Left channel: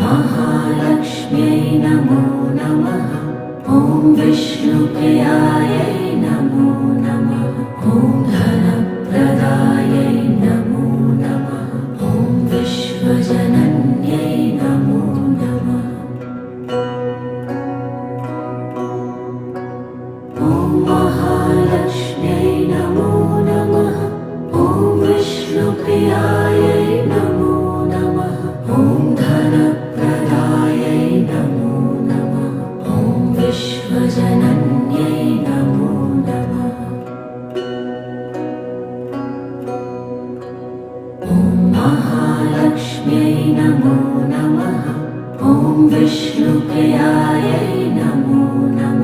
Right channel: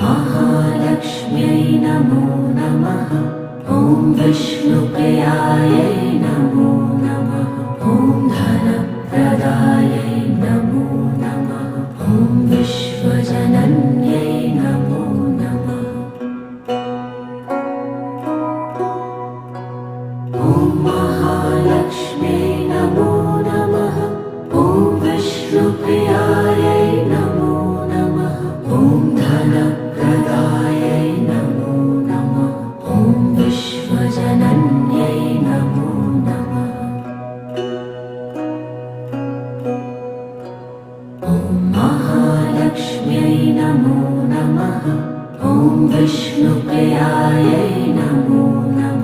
महालक्ष्म्यै नमो नमः। ॐ विष्णुप्रियायै नमो नमः। ॐ धनप्रदायै नमो नमः। ॐ विश्वजनन्यै नमो नमः। ॐ महालक्ष्म्यै नमो नमः। ॐ विष्णुप्रियायै नमो नमः। ॐ धनप्रदायै नमो नमः। ॐ विश्वजनन्यै नमो नमः। ॐ महालक्ष्म्यै नमो नमः। ॐ विष्णुप्रियायै नमो नमः।